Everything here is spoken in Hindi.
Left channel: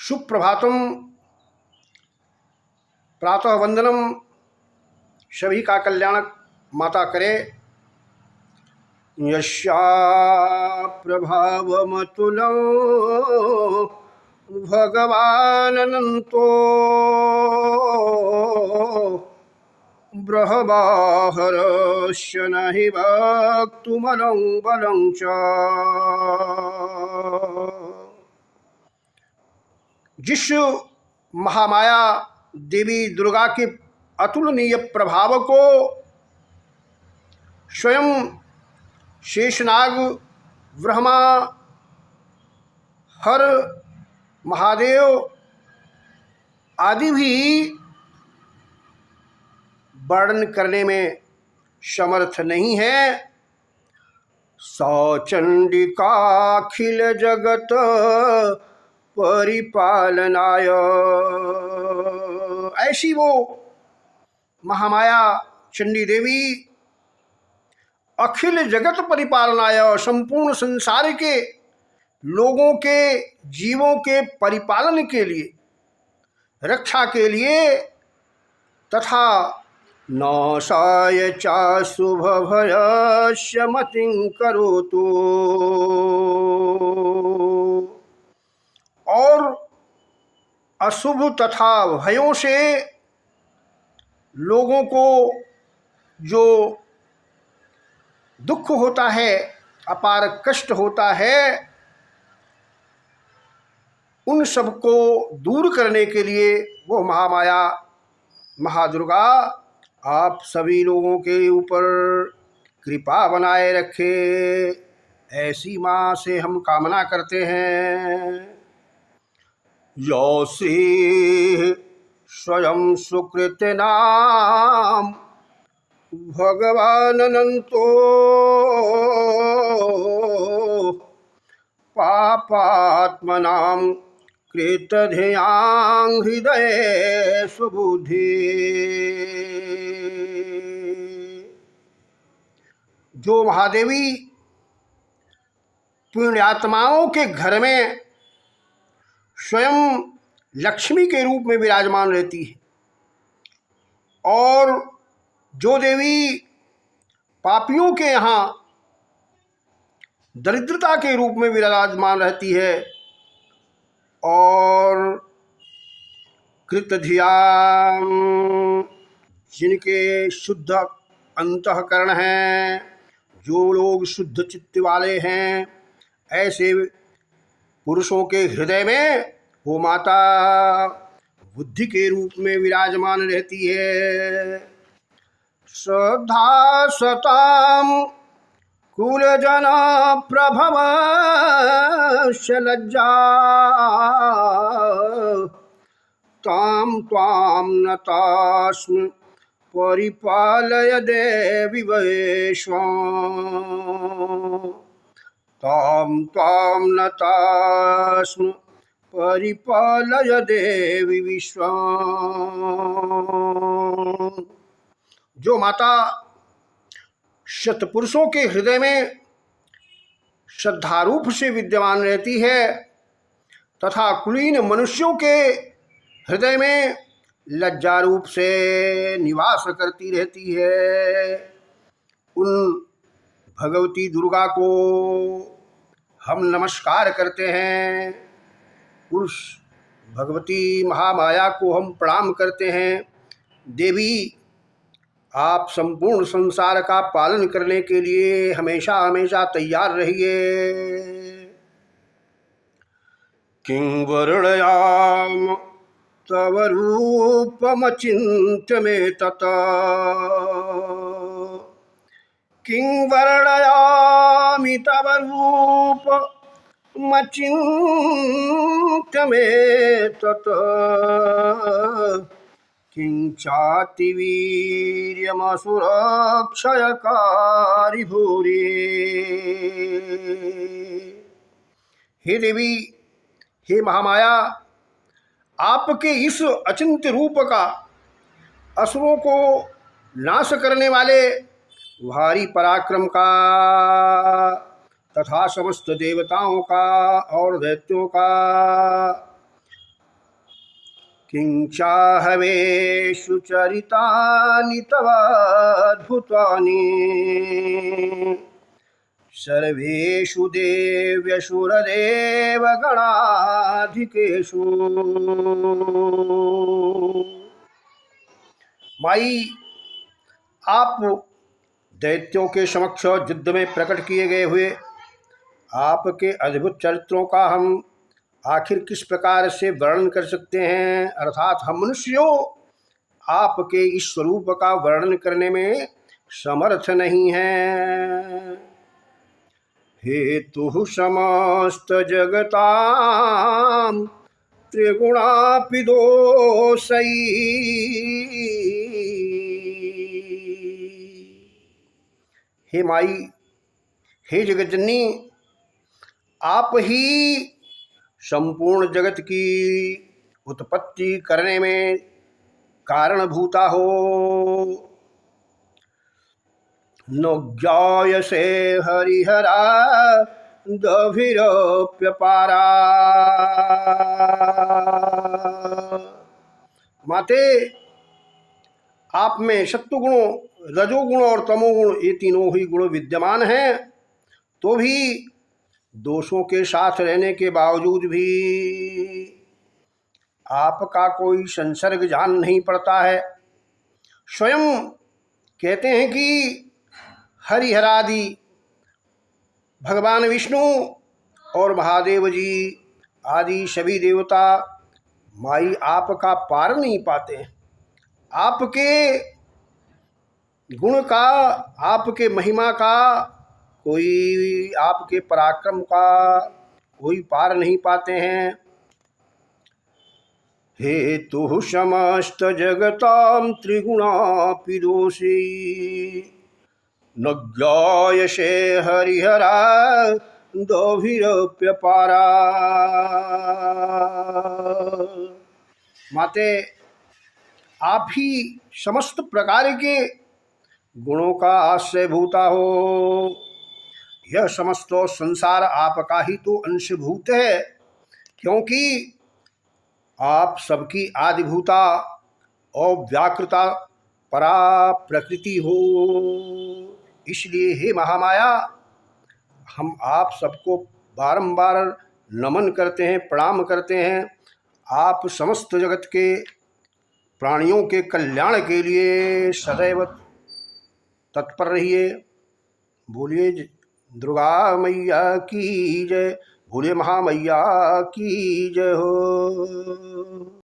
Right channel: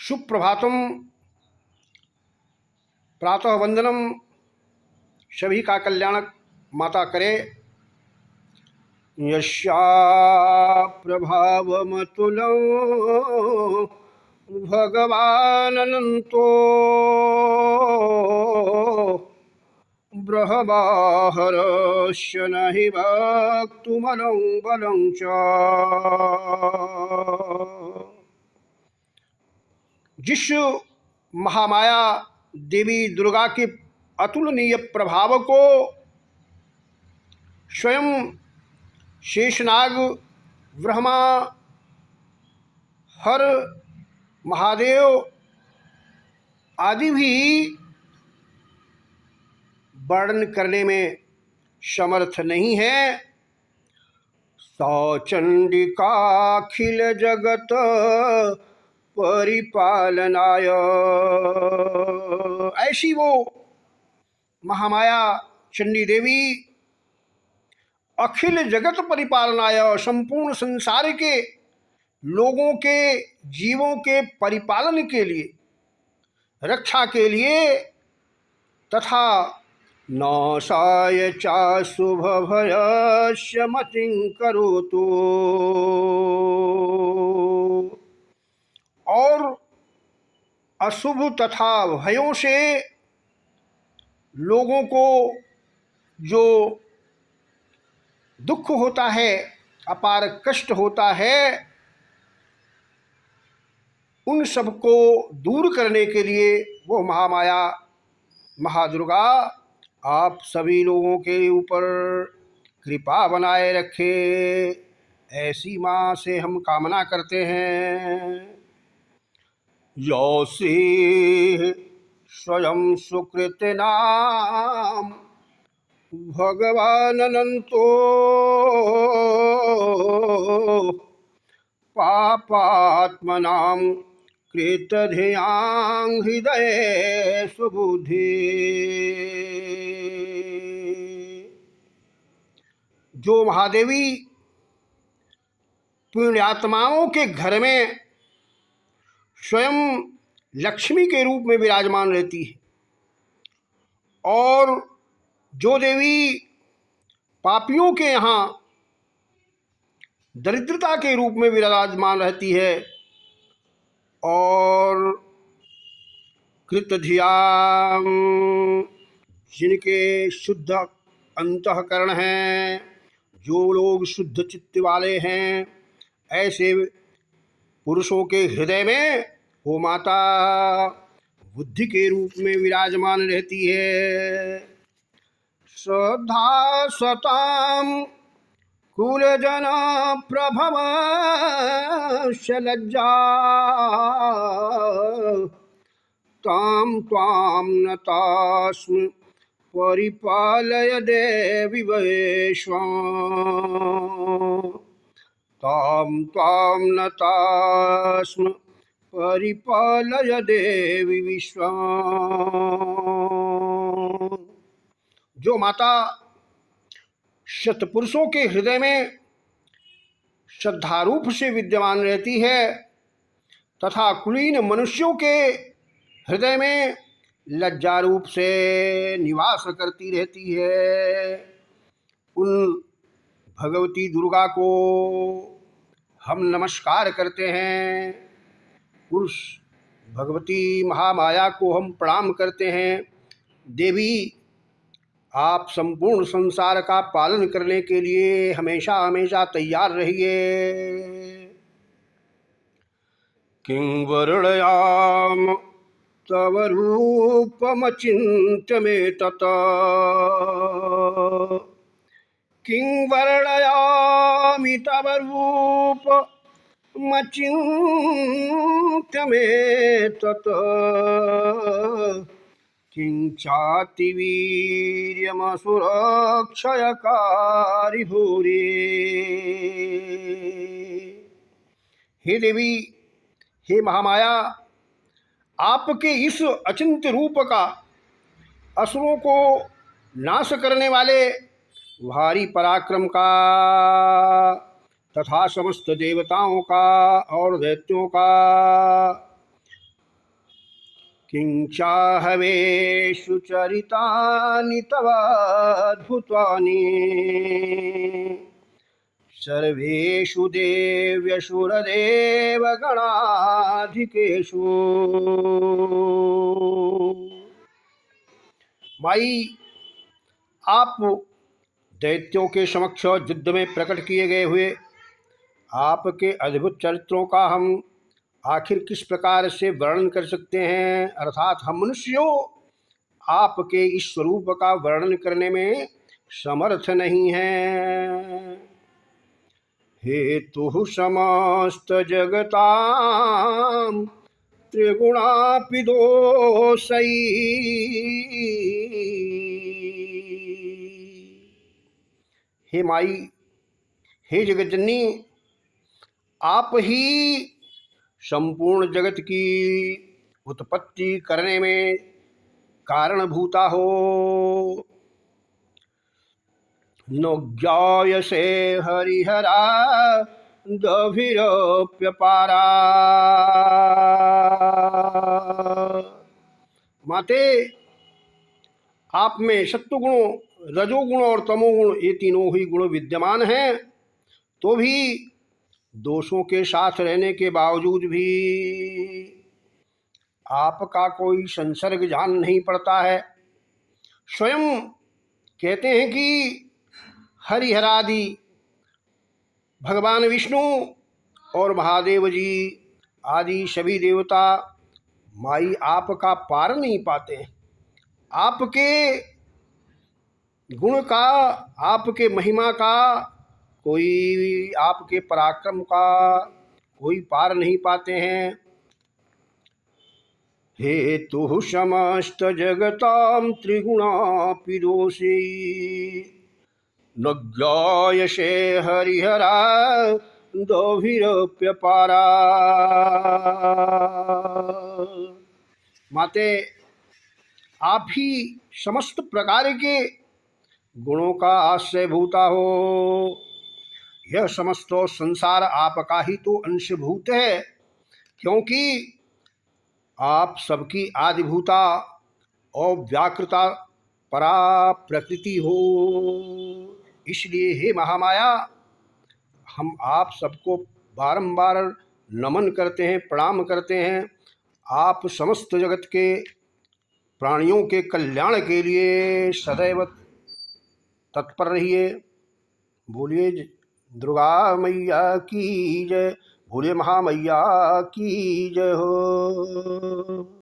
सुप्रभातम, प्रातः वंदनम सभी का कल्याण माता करे। यस्या प्रभावमतुलं भगवानन्तो ब्रह्माहरस्य नहि वक्तुमलं बलं च। जिस महामाया देवी दुर्गा के अतुलनीय प्रभाव को स्वयं शेषनाग, ब्रह्मा, हर, महादेव आदि भी वर्णन करने में समर्थ नहीं है। सौ चंडिकाखिल जगत परिपालनाय, ऐसी वो महामाया चंडी देवी अखिल जगत परिपालनाय, संपूर्ण संसार के लोगों के जीवों के परिपालन के लिए, रक्षा के लिए तथा नाशाय चाशुभ भयस्य मतिं करोतु, और अशुभ तथा भयों से लोगों को जो दुख होता है, अपार कष्ट होता है, उन सब को दूर करने के लिए वो महामाया महादुर्गा आप सभी लोगों के ऊपर कृपा बनाए रखे, ऐसी माँ से हम कामना करते हैं। यौसे स्वयं सुकृत नाम भगवान अनंतो पापात्मनां कृतधियां हृदय सुबुद्धि। जो महादेवी पुण्यात्माओं के घर में स्वयं लक्ष्मी के रूप में विराजमान रहती है, और जो देवी पापियों के यहाँ दरिद्रता के रूप में विराजमान रहती है, और कृतधियां, जिनके शुद्ध अंतःकरण हैं, जो लोग शुद्ध चित्त वाले हैं, ऐसे पुरुषों के हृदय में वो माता बुद्धि के रूप में विराजमान रहती है। श्रद्धा सताम कुलजन प्रभव लज्जा ताम त्वां नतास्म परिपालय देवी वैश्वं, ताम त्वां नतास्म परिपालय देवी विश्वं। जो माता शतपुरुषों के हृदय में श्रद्धारूप से विद्यमान रहती है तथा कुलीन मनुष्यों के हृदय में लज्जा रूप से निवास करती रहती है, उन भगवती दुर्गा को हम नमस्कार करते हैं। उस भगवती महामाया को हम प्रणाम करते हैं। देवी, आप संपूर्ण संसार का पालन करने के लिए हमेशा हमेशा तैयार रहिए। किं वर्णयाम तव रूपमचिन्त्य मे तता, किं वर्णयामि तव रूपमचिन्त्य मे तता, किं चाति वीर्यमसुरक्षयकारि भूरि। हे देवी, हे महामाया, आपके इस अचिंत्य रूप का, असुरों को नाश करने वाले भारी पराक्रम का तथा समस्त देवताओं का और दैत्यों का किंचाहवेषु चरितानि तव अद्भुतानि सर्वेषु देव्यसुरदेवगणाधिकेषु। माई, आप दैत्यों के समक्ष युद्ध में प्रकट किए गए हुए आपके अद्भुत चरित्रों का हम आखिर किस प्रकार से वर्णन कर सकते हैं, अर्थात हम मनुष्यों आपके इस स्वरूप का वर्णन करने में समर्थ नहीं हैं। हेतु समस्त जगतां त्रिगुणापि दोषै। हे माई, हे जगतजननी, आप ही संपूर्ण जगत की उत्पत्ति करने में कारणभूता हो। न ज्ञायसे हरिहरा दभिरप्यपारा। माते, आप में सत्वगुण, रजोगुण और तमोगुण ये तीनों ही गुण विद्यमान हैं, तो भी दोषों के साथ रहने के बावजूद भी आपका कोई संसर्ग जान नहीं पड़ता है। स्वयं कहते हैं कि हरिहरादि भगवान विष्णु और महादेव जी आदि सभी देवता माई आपका पार नहीं पाते। आपके गुण का, आपके महिमा का, कोई आपके पराक्रम का कोई पार नहीं पाते हैं। हेतु समस्त जगतां त्रिगुणापि दोषै न ज्ञायसे हरिहरा दोभिरप्यपारा। माते, आप ही समस्त प्रकार के गुणों का आश्रयभूता हो। यह समस्त संसार आपका ही तो अंशभूत है, क्योंकि आप सबकी आदिभूता और व्याकृता परा प्रकृति हो। इसलिए हे महामाया, हम आप सबको बारंबार नमन करते हैं, प्रणाम करते हैं। आप समस्त जगत के प्राणियों के कल्याण के लिए सदैव तत्पर रहिए। बोलिए दुर्गा मैया की जय, बोलिए महामैया की जय हो।